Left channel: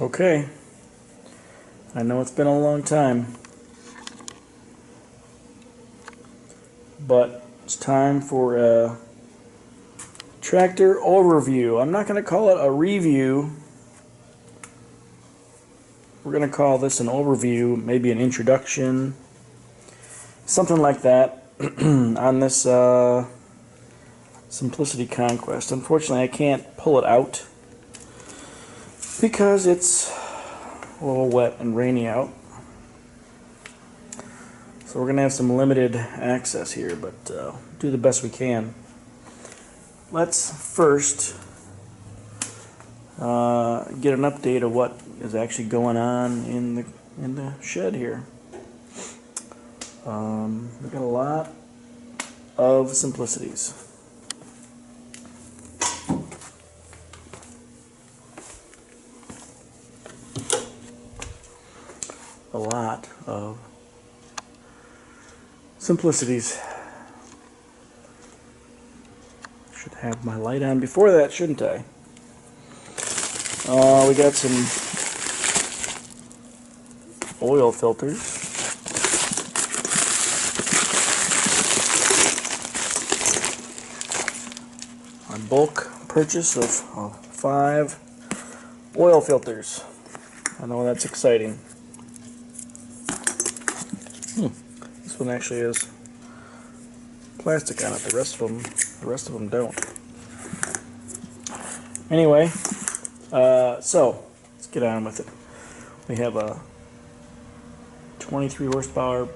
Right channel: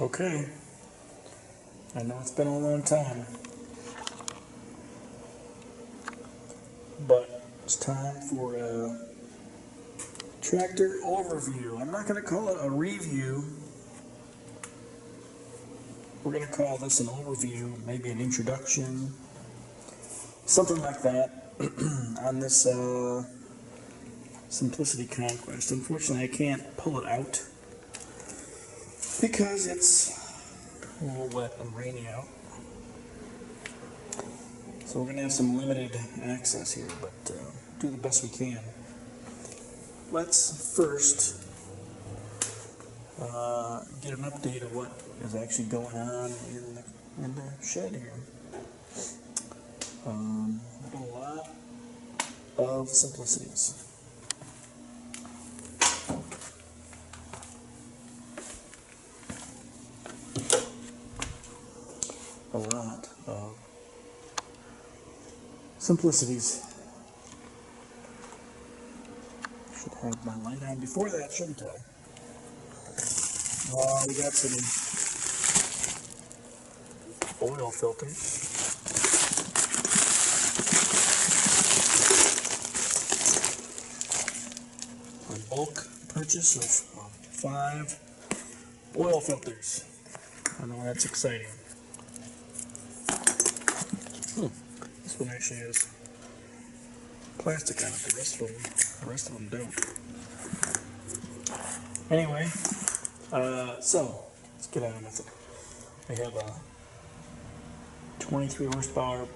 Okay, I know it's been a long time, but it's time for a tractor overview. I'm not going to call it a review. We're going to call this an overview, maybe an introduction, something like that on this Simplicity Conquest. Unfortunately, I can't pull it out because it's a little wet and rainy out. So we're going to have some limited access here, but do the best we can. Let's first get an update of what is actually going on in the shed here. We've got a lot of simplicities. A lot of simplicities. Should have my light on before that, shouldn't I? We got some oil filters. A bulk purchase of 5 oil filters. I know that's exciting. This one actually has plastic on it. The rest of them don't. Anyway, so let's get on with it. We have a 23 horsepower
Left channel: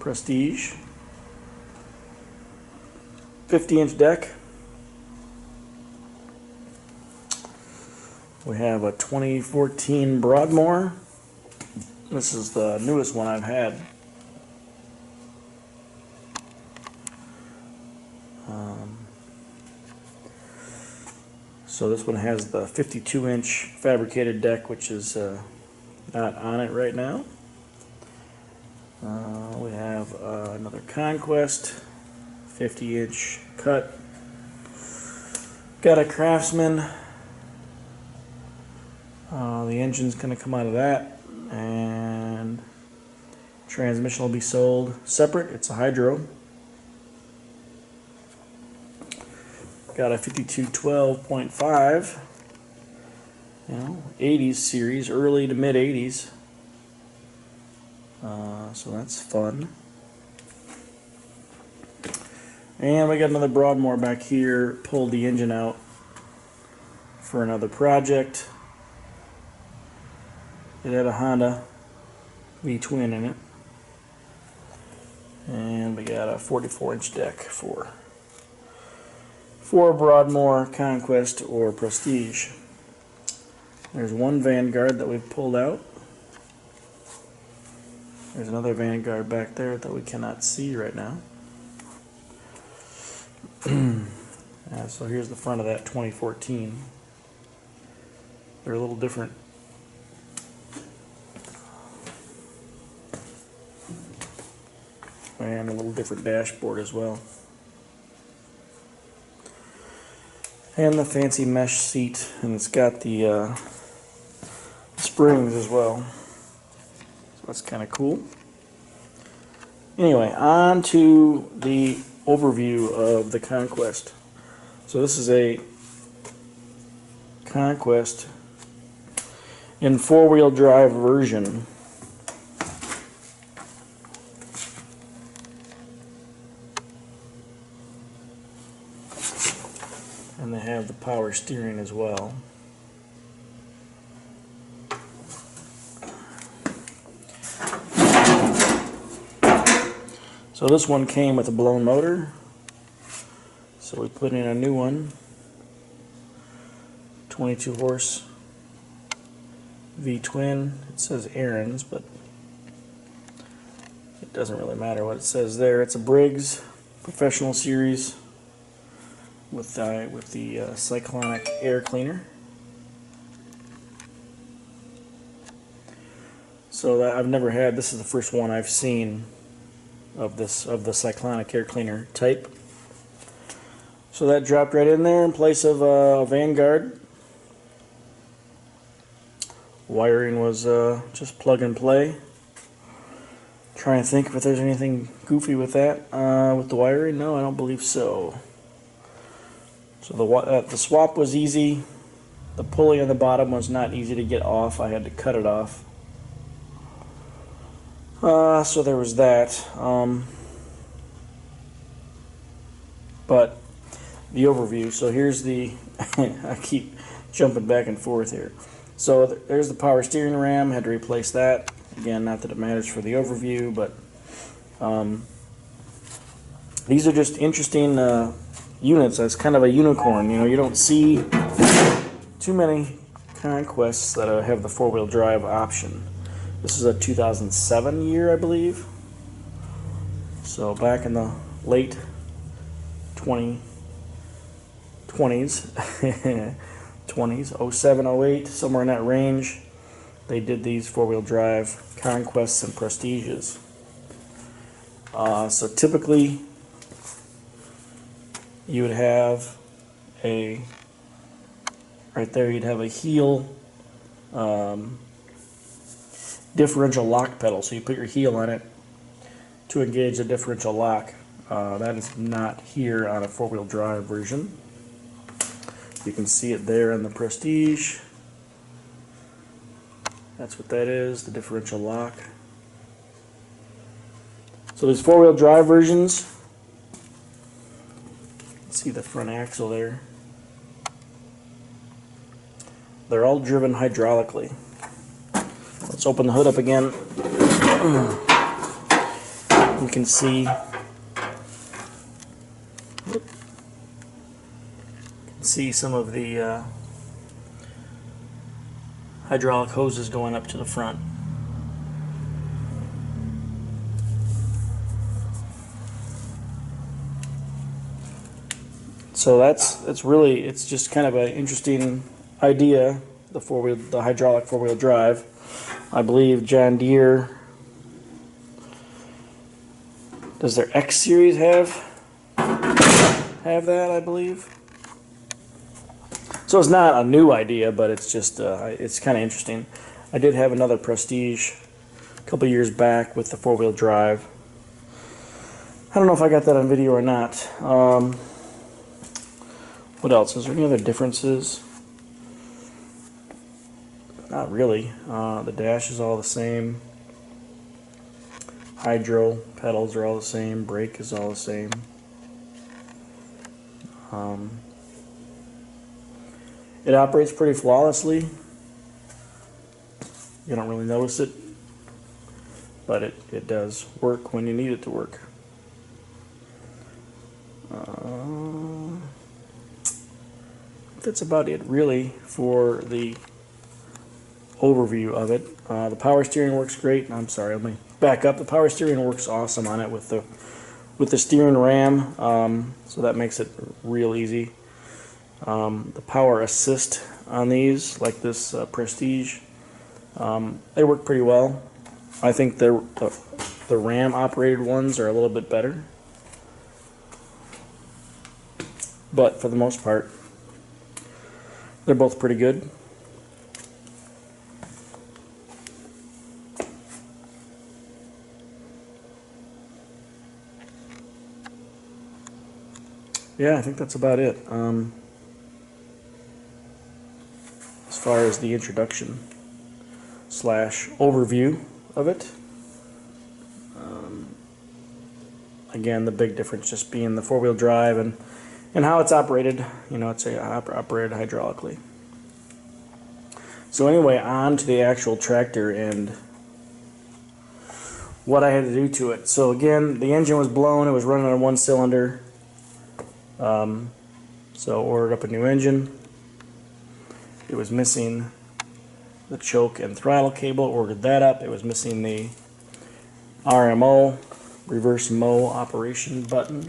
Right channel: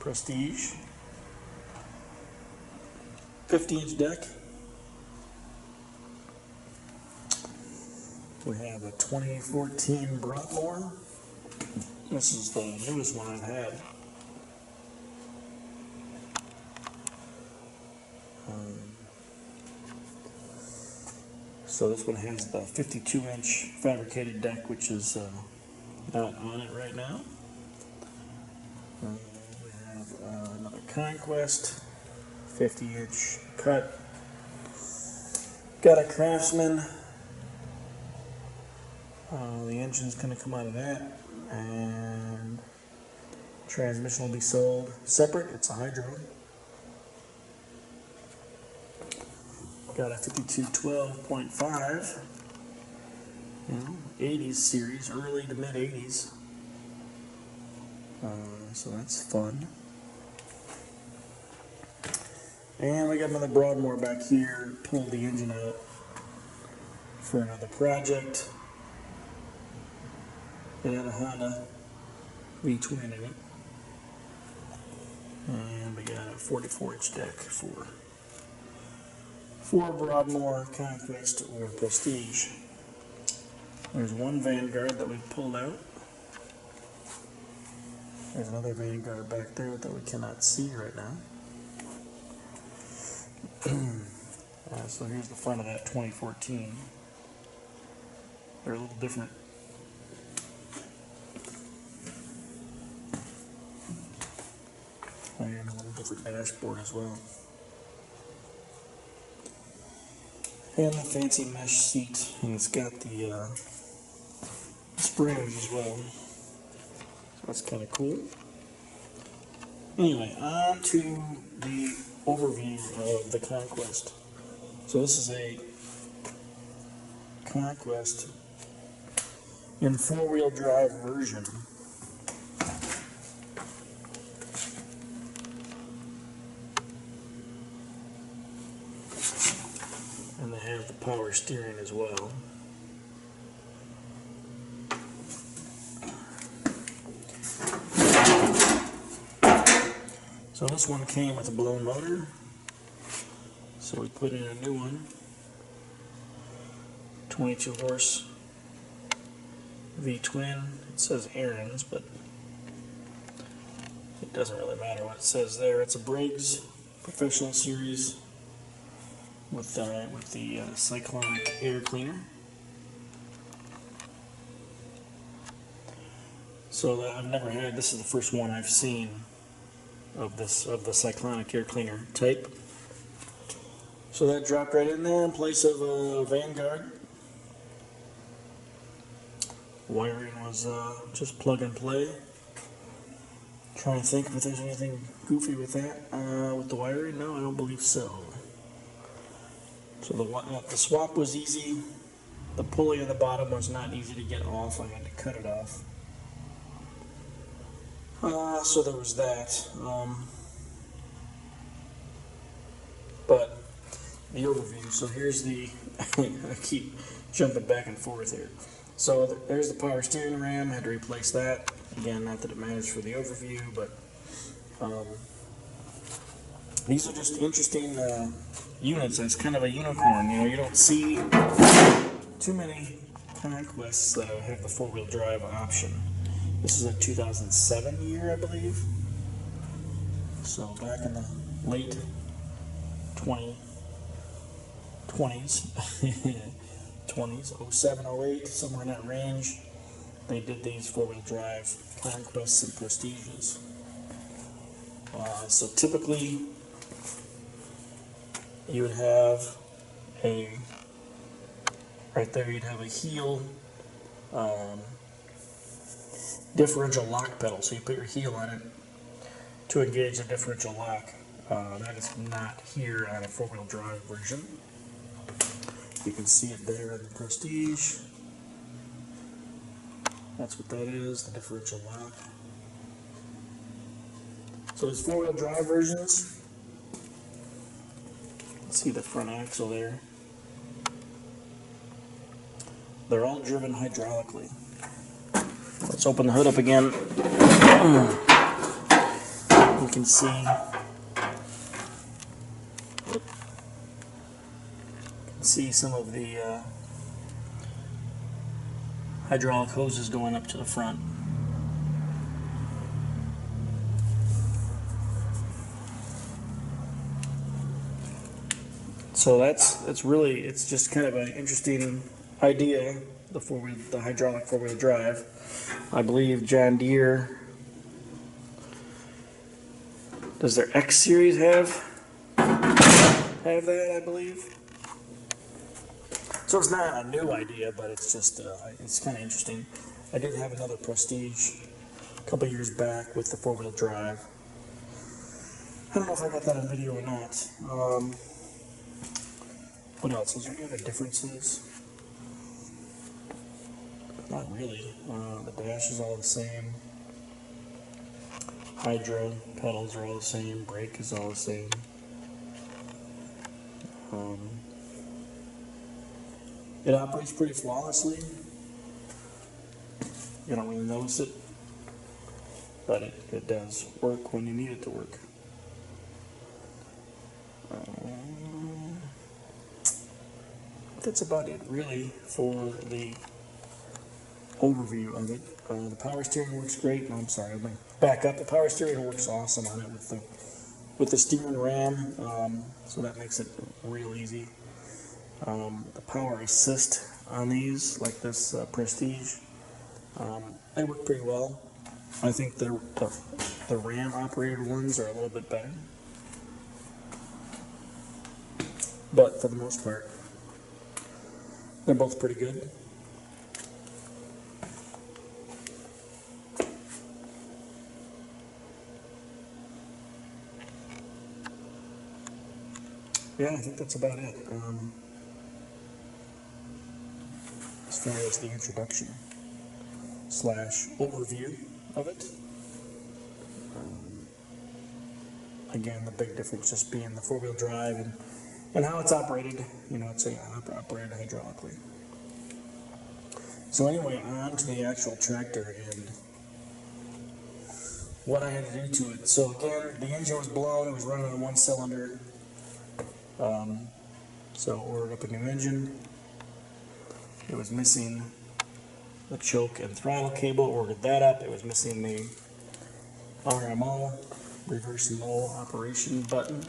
Prestige, 50-inch deck. We have a 2014 Broadmoor. This is the newest one I've had. So this one has the 52-inch fabricated deck, which is not on it right now. We have another Conquest, 50-inch cut. Got a Craftsman. The engine's going to come out of that, and transmission will be sold separate. It's a hydro. Got a 5212.5, 80s series, early to mid 80s. So that's fun. And we got another Broadmoor back here. Pulled the engine out for another project. It had a Honda V-twin in it. And we got a 44-inch deck for Broadmoor, Conquest, or Prestige. There's one Vanguard that we've pulled out. There's another Vanguard back there that we cannot see right now. So here's the front of that 2014. They're a little different. And a little different dashboard as well. And the fancy mesh seat, and it's got the springs as well. So that's kind of cool. Anyway, on to the overview of the Conquest. So this is a Conquest in 4-wheel drive version. And they have the power steering as well. So this one came with a blown motor. So we put in a new one. 22 horse V-twin. It says Aaron's, but it doesn't really matter what it says there. It's a Briggs Professional Series with the cyclonic air cleaner. So that I've never had. This is the first one I've seen of the cyclonic air cleaner type. So that dropped right in there in place of a Vanguard. Wiring was just plug and play. Trying to think if there's anything goofy with that. With the wiring, no, I don't believe so. So the swap was easy. The pulley on the bottom was not easy to get off. I had to cut it off. So there was that. But the overview. So here's the. I keep jumping back and forth here. So there's the power steering ram. Had to replace that. Again, not that it matters for the overview, but these are just interesting units. It's kind of a unicorn. You know, you don't see too many Conquests that have the four-wheel drive option. This is a 2007 year, I believe. So back in the late 20s, 07, 08, somewhere in that range, they did these four-wheel drive Conquests and Prestiges. So typically, you would have a, right there, you'd have a heel differential lock pedal. So you put your heel on it to engage the differential lock. That is not here on a four-wheel drive version. You can see it there on the Prestige. That's what that is, the differential lock. So there's four-wheel drive versions. See the front axle there. They're all driven hydraulically. Let's open the hood up again. You can see some of the hydraulic hoses going up to the front. So it's just kind of an interesting idea, the hydraulic four-wheel drive. I believe John Deere, does their X series have that, I believe. So it's not a new idea, but it's just it's kind of interesting. I did have another Prestige a couple years back with the four-wheel drive. I don't know if I got that on video or not. What else? Is there any other differences? Not really. The dash is all the same. Hydro pedals are all the same. Brake is all the same. It operates pretty flawlessly. You don't really notice it, but it does work when you need it to work. That's about it really for the overview of it. The power steering works great. I'm sorry, let me back up. The power steering works awesome on it with the steering ram, so that makes it real easy. The power assist on these, like this Prestige, they work pretty well. I think the ram operated ones are a little bit better, but for the most part they're both pretty good. Yeah, I think that's about it. As far as the introduction / overview of it. Again, the big difference just being the four-wheel drive and how it's operated. You know, it's operated hydraulically. So anyway, on to the actual tractor and what I had to do to it. So again, the engine was blown. It was running on one cylinder. So ordered up a new engine. It was missing the choke and throttle cable. Ordered that up. It was missing the RMO, reverse mow operation button,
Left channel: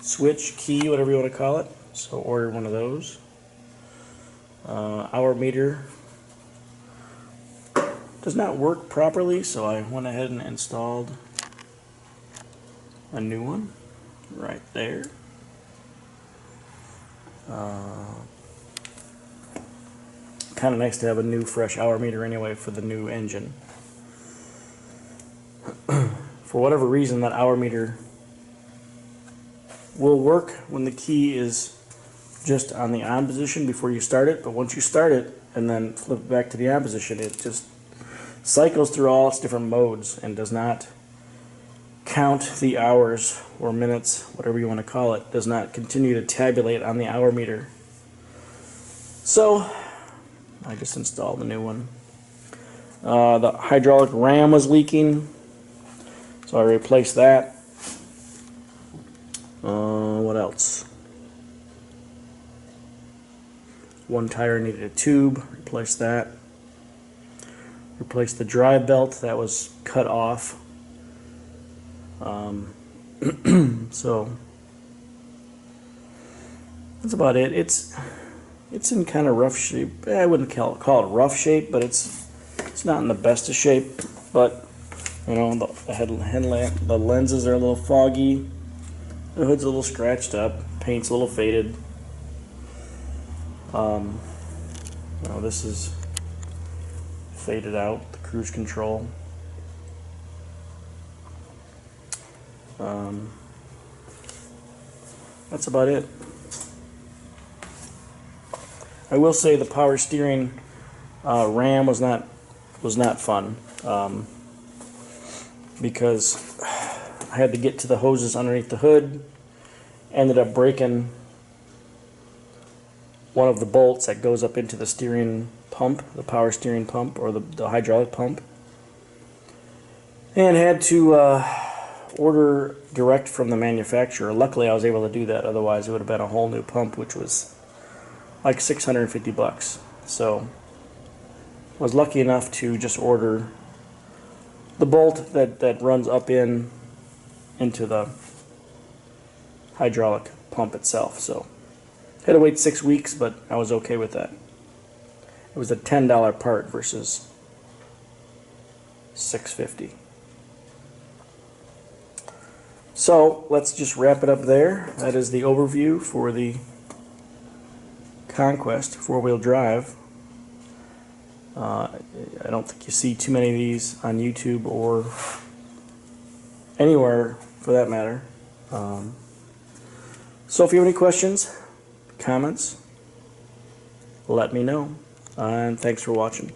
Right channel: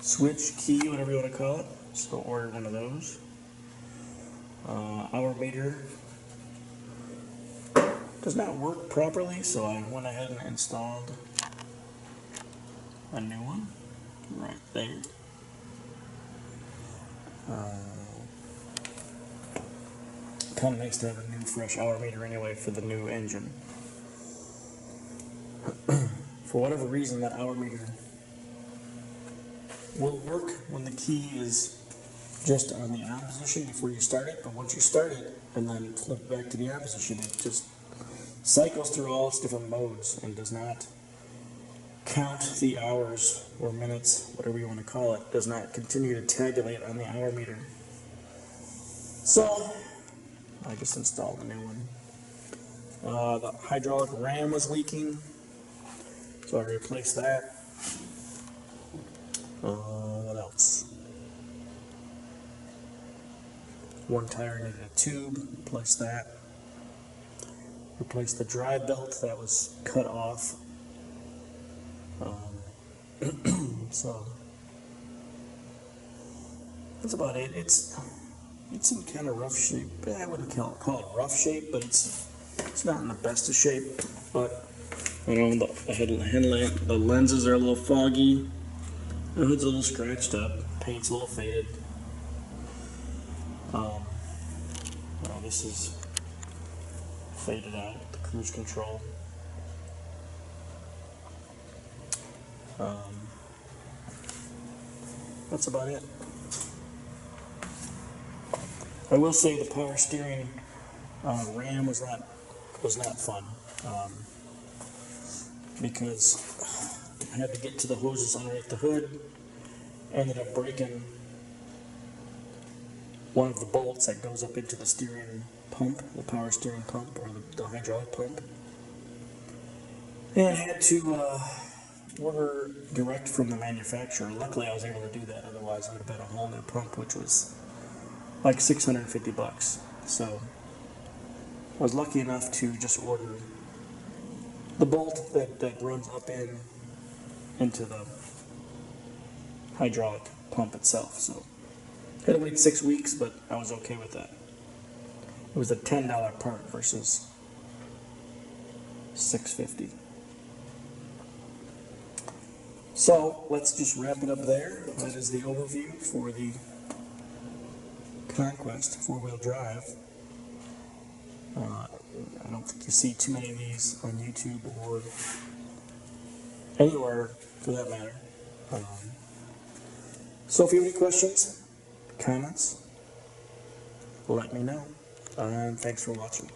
switch, key, whatever you want to call it. So ordered one of those. Hour meter does not work properly, so I went ahead and installed a new one right there. kind of nice to have a new fresh hour meter anyway for the new engine. For whatever reason, that hour meter will work when the key is just on the on position before you start it, but once you start it and then flip it back to the on position, it just cycles through all its different modes and does not count the hours or minutes, whatever you want to call it, does not continue to tabulate on the hour meter. So I just installed a new one. The hydraulic ram was leaking, so I replaced that. What else? One tire needed a tube, replaced that. Replaced the drive belt that was cut off. So that's about it. It's in kind of rough shape. I wouldn't call it rough shape, but it's not in the best of shape. But you know, the lenses are a little foggy. The hood's a little scratched up. Paint's a little faded. Well, this is faded out. The cruise control. That's about it. I will say the power steering ram was not fun, because I had to get to the hoses underneath the hood. Ended up breaking one of the bolts that goes up into the steering pump, the power steering pump, or the hydraulic pump, and had to order direct from the manufacturer. Luckily I was able to do that, otherwise it would have been a whole new pump, which was like $650. So I was lucky enough to just order the bolt that runs up into the hydraulic pump itself. So had to wait 6 weeks, but I was okay with that. It was a $10 part versus $650. So let's just wrap it up there. That is the overview for the Conquest 4-wheel drive. I don't think you see too many of these on YouTube or anywhere for that matter. So if you have any questions, comments, let me know. And thanks for watching.